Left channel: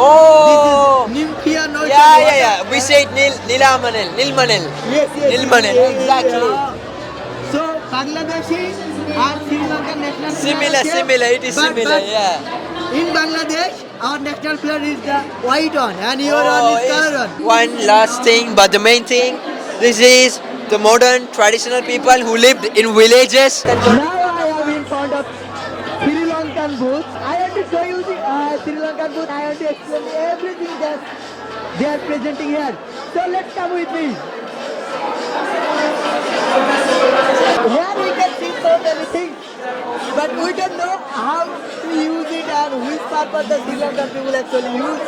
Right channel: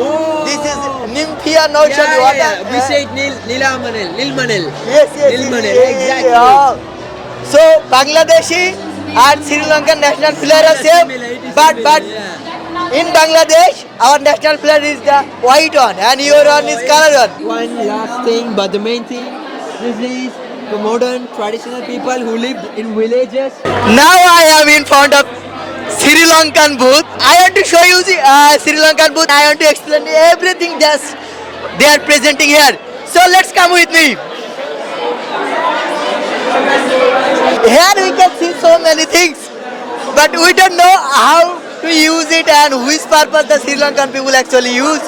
This is Oh. Nymphia notion. Yeah. We say it Nilmanel. Yes. Nilmanel, exactly. So Bangladeshi and Sri Lankan national player are same. Similar, it is but similar, but yeah. in Bangladesh, our national player is the white one, and your one is color one. One last thing, but the main thing, this is the modern traditional people who lived in villages. Now I am in front of Sri Lankan booth. I want to show you the Sri Lankan booth. I want to explain everything just they are presenting here. So let's come with me. Here we can see so many things, but we don't know how to use it and which purpose the Sri Lankan people actually use.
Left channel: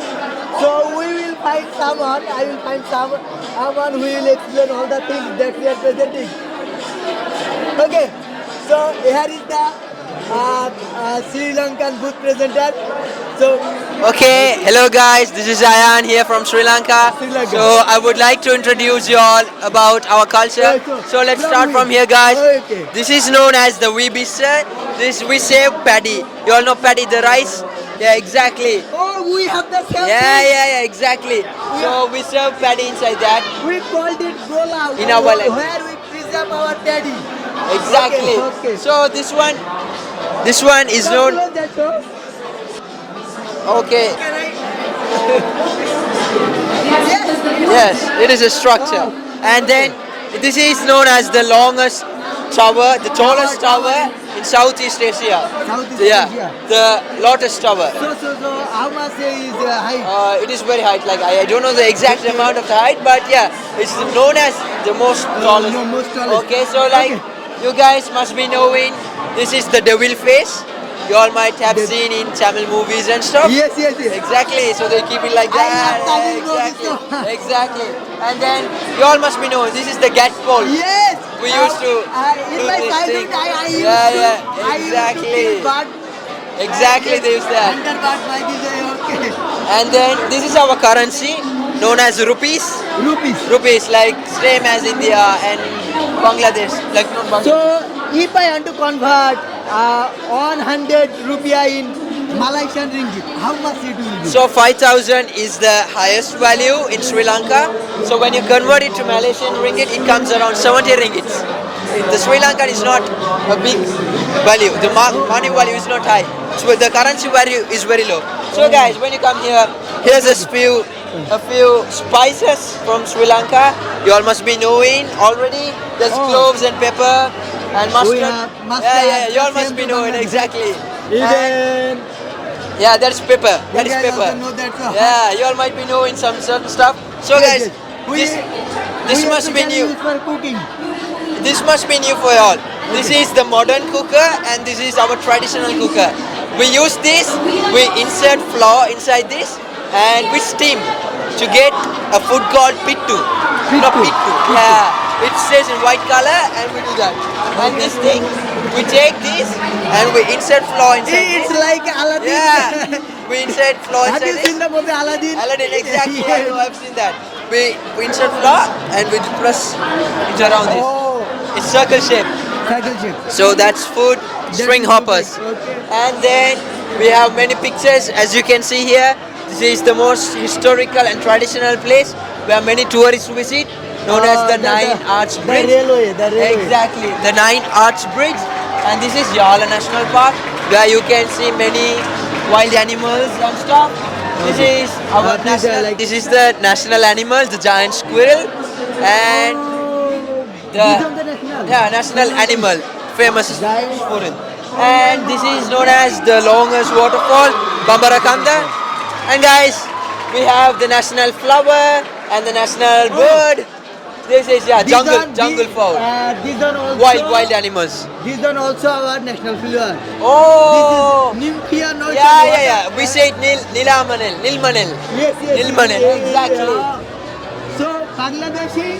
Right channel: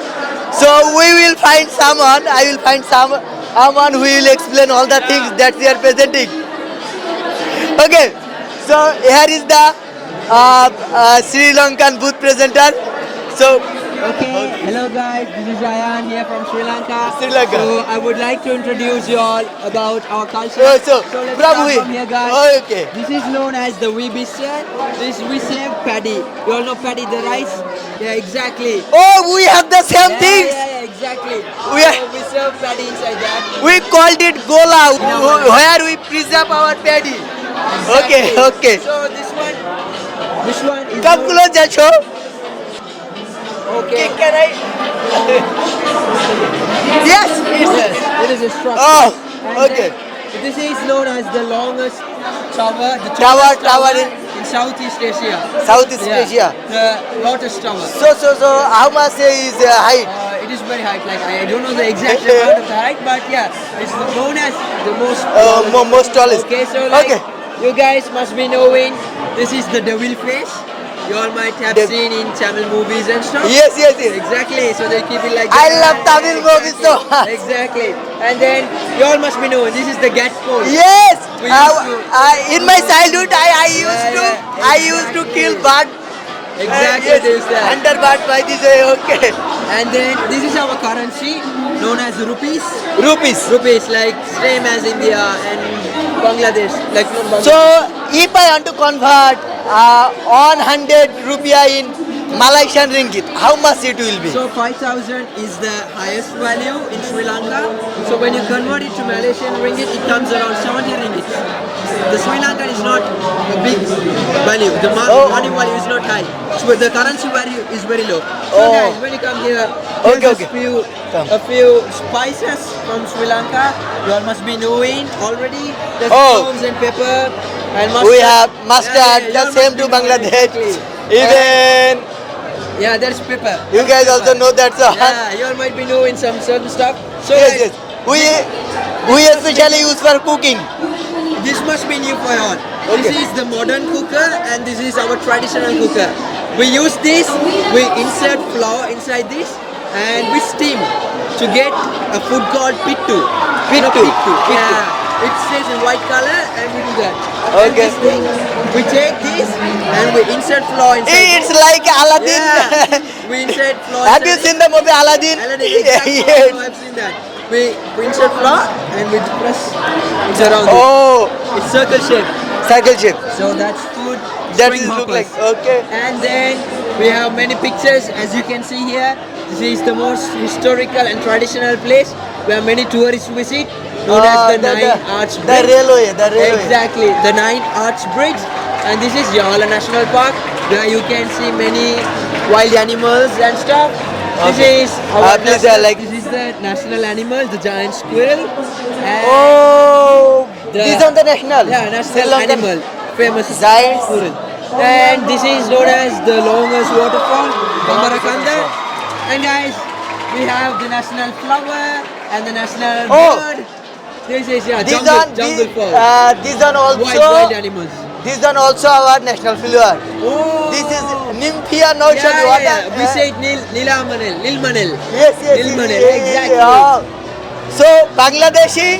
So we will find someone. I will find someone who will explain all the things that they are presenting. Okay, so here is the Sri Lankan booth presenter. So Okay, hello guys, this is Ayan here from Sri Lanka. Sri Lanka. So I would like to introduce you all about our culture. So, Let's from start we- from here guys. Oh, okay. This is known as the Wibisa. This we say paddy. You all know paddy, the rice? Yeah, exactly. oh, we have the same thing. Yeah, exactly. We- We serve paddy inside that. We called it gola, In our language. where we preserve our paddy. Exactly. Okay. So this one is Come known. closer, show. Okay. Can I? Yes. Yes, it is a structure. Oh, and okay. then this is known as the longest tower, the Tower tallest tower in- in Southeast Asia. Southeast Asia. The Lotus Tower. So how much is height? It is very high. Like I don't know the exact amount of the height, but yeah, it's known as the most tallest. Most tallest. Okay, so like Okay. you guys must be knowing, this is the devil face. You all might have seen in Tamil movies and stuff. Yes. Exactly, so they keep it like I that. love Tamil movies so much. Exactly. And then you all must be knowing, this is the gat pole. Yes. We used to- In my childhood, I used Yeah, I used to exactly. kill bird. Exactly this that. Hunter bird by this way. Okay. And then this is our currency known as rupees. Rupees like same as India and Bangladesh. Like So if I want to convert 100 rupiah in Malaysian ringgit, how much it will be? So 5,000 is the highest value in Sri Lanka. So when you convert it to Malaysian ringgit, it comes around 70 ringgits. The Sri Lankan is not a big value. The money value is not high. So the currency value is very low. So Oh. guys, when you come here, there's Okay. a few spices from Sri Lanka. You all must be knowing already. There's Oh. cloves and pepper and mustard. We have mustard, you all the same must be to knowing, Bangladesh. exactly. Even Yeah, that's pepper. you That is guys pepper. also know that. So Yeah, you all might be knowing some certain stuff. So Yes, guys, yes. We this must be especially new. use for cooking. This must be new for all. This is the modern cooker and this is our traditional cooker. We use this, we insert flour inside this and we steam to get a food called pittu. Pittu. Yeah, it says in white color and we do that. And Okay. this thing, we take this and we insert flour inside It's this. like Aladdin. Yeah, we insert flour Have you inside seen the movie Aladdin? Aladdin, exactly. Yes. I've seen that. We insert flour and we press it around it. Oh, It's circle shape. cycle shape. So that's food, That string is hoppers. looking- Okay. And then we have many pictures as you can see here. This is the most historical and traditional place where many tourists visit, known as the Nine Arch The Bridge. railway. Exactly, the Nine Arch Bridge. And this is Yala National Park where you can see many wild animals and stuff. This is our please, this is the national animal, the giant squirrel. And Oh, The- this on the national. yeah, Sri national Lankan. animal, famous Giant squirrel. And this is known as the longest waterfall, Bambarakanda. And guys, we have the national flower and the national Oh. bird. This is This jungle fall. This one also. Wild animals. This one also our national flower. Oh, This is Nymphia notion. yeah. We say it Nilmanel. Yes. Nilmanel, exactly. Yeah. So Bangladeshi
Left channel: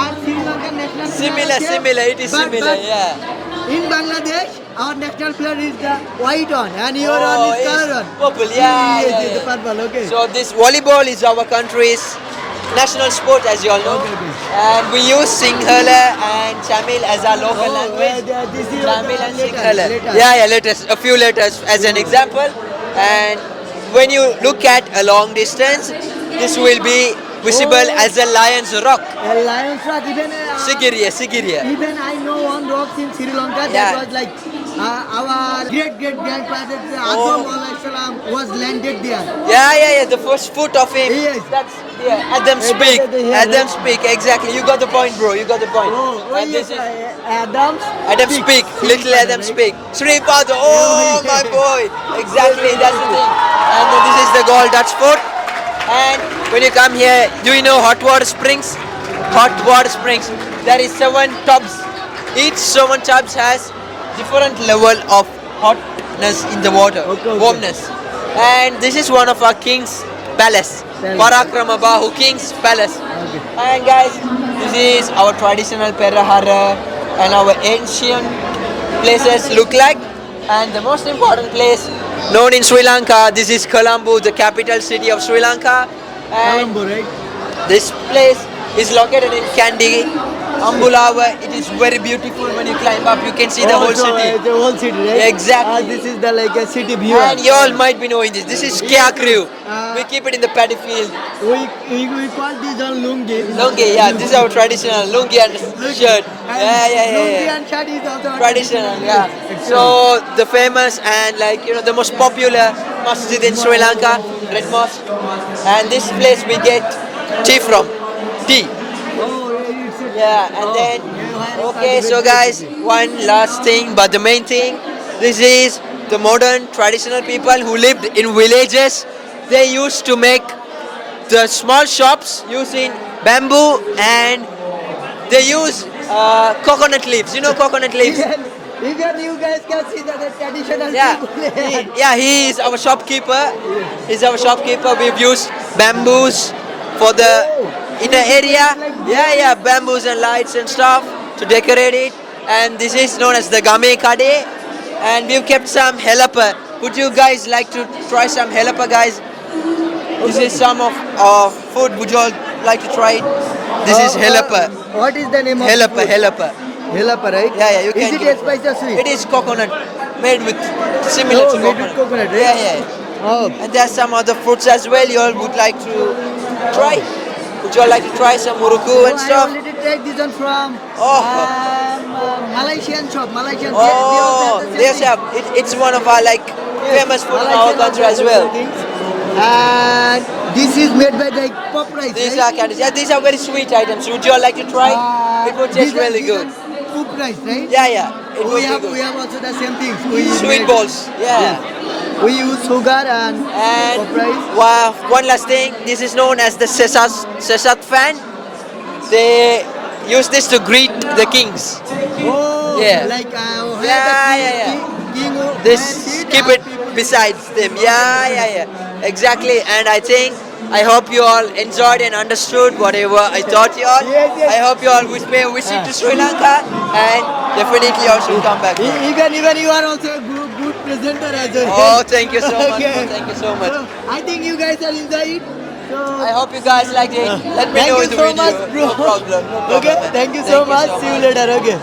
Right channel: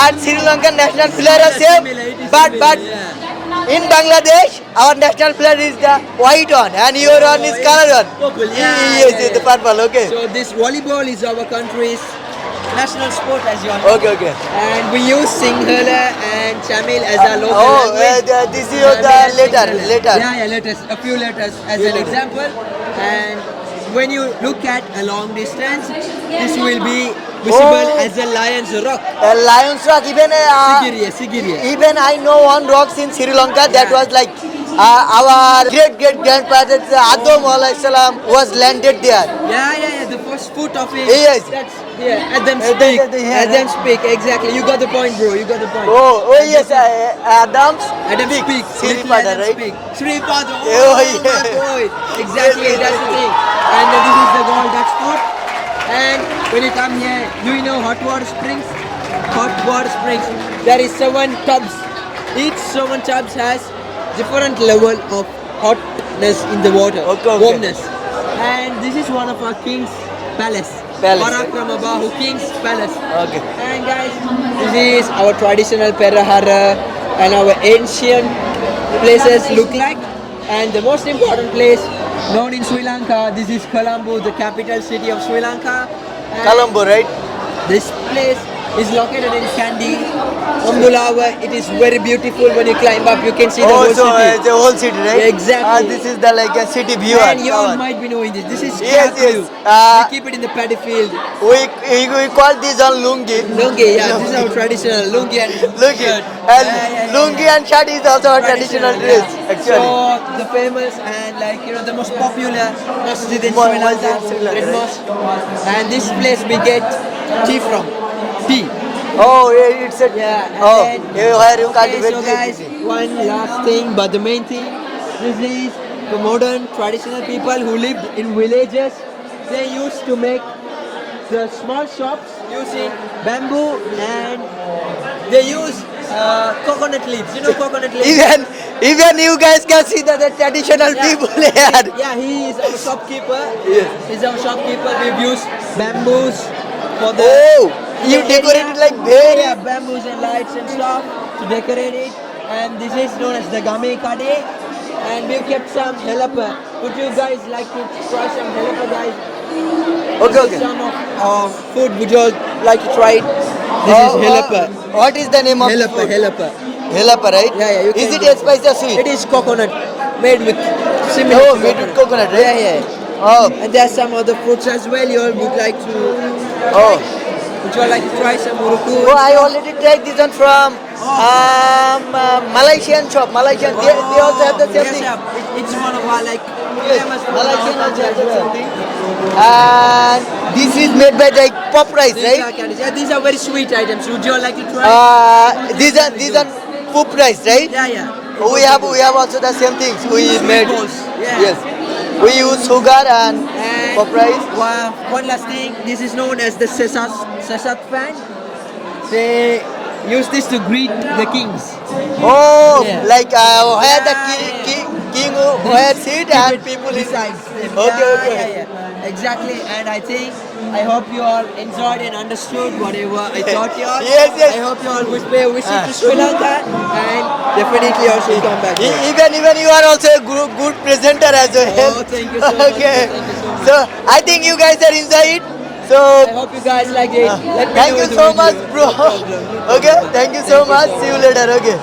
and Sri Lankan national player are same. Similar, it is but similar, yeah. in Bangladesh, our national player is the white one, and your one is color one. Purple, yeah, Yes, yeah, the yeah. purple. Okay. So this volleyball is our country's national sport, as you all know. Okay. And we use Sinhala and Tamil as our local language. This is Tamil and the Sinhala. letter. Yeah, letters. A few letters as an example. And when you look at a long distance, this will be visible Oh. as a lion's rock. Lion's Rock, even Sigiriya. even I know one rocks in Sri Lanka that Yeah. was like our great grandfather Adam alayhi salam was landed there. Yeah. The first foot of him. Yes. That's yeah. Adam's That's Peak. the- yeah, Adam's Peak. Exactly. You got the point, bro. You got the point. Oh And yes, this is Adam's Adam's Peak. Little Sripada, Adam's right? Peak. Sripada. Oh, Oh, yeah. my boy. Exactly. That's the thing. And this is the Gold Dutch Fort. And when you come here, do you know hot water springs? Hot water springs. There is 7 tubs. Each 7 tubs has different level of hotness in the water. Okay. Warmness. And this is one of our king's palace. Parakramabhu King's Palace. Okay. And guys, this is our traditional Perahara and our ancient places look like. And the most important place known in Sri Lanka, this is Colombo, the capital city of Sri Lanka. And Colombo, right? this place is located in Kandy, Ambulawa. It is very beautiful when you climb up. You can see the whole so, city. the whole city, right? Exactly. This is the like a city view. And you all might be knowing this. This is Yes, Kyakriu. yes. We keep it in the paddy field. We call this on lungi. Lungi, yeah, this is our traditional lungi and Lungi. shirt. And lungi and shirt is also our traditional dress. yeah. Actually. So the famous and like the most popular masjid in Sri Lanka, Red Mosque, and this place we get tea from. Tea. Oh, yeah, it's a Yeah, and oh, then you have to okay, cultivate so this. guys, one last thing, but the main thing, this is the modern traditional people who lived in villages. They used to make the small shops using bamboo and they use coconut leaves. You know coconut leaves? Even you guys can see that the traditional people here. Yeah, he is our shopkeeper. He's our shopkeeper. We've used bamboos for the in you the area. decorate like Yeah, bamboos and lights and stuff to decorate it. And this is known as the Game Kade. And we've kept some helapa. Would you guys like to try some helapa, guys? This is some of food. Would you all like to try it? This is helapa. What is the name of Helapa, food? helapa. Helapa, right? Yeah, you Is can it get- a spicy or sweet? It is coconut made with similar Oh, to made with coconut, right? Yeah. Oh, And there's some other fruits as well. You all would like to Oh. try? Would you all like to try some muruku oh and I stuff? already tried this one from Malaysian shop. Malaysian. They also have the same yes, thing. yeah. It's one of our like famous food in our Malaysian culture also as well. have the same thing. And this is made by like pop rice, These are right? candies. Yeah, these are very sweet items. Would you all like to try? It would These taste are really these are good. pop rice, right? Yeah. We have also the same things. We Sweet made balls. Yeah. Yes. We use sugar and And pop rice. one last thing, this is known as the Sesat fan. They use this to greet the kings. Oh, Yeah. like where the Yeah. king They where sit keep and it people besides them. Okay, Yeah. Exactly. And I hope you all enjoyed and understood whatever I taught you all. Yes. I hope you all would pay a visit to Sri Lanka and definitely also come back. Even you are also a good presenter as well. Oh, thank you so much. Okay. Thank you so much. So I think you guys are enjoy it. So I hope you guys like it. Let me thank know you in the so video. much, bro. No problem. Okay, thank you so much. See you later. Okay.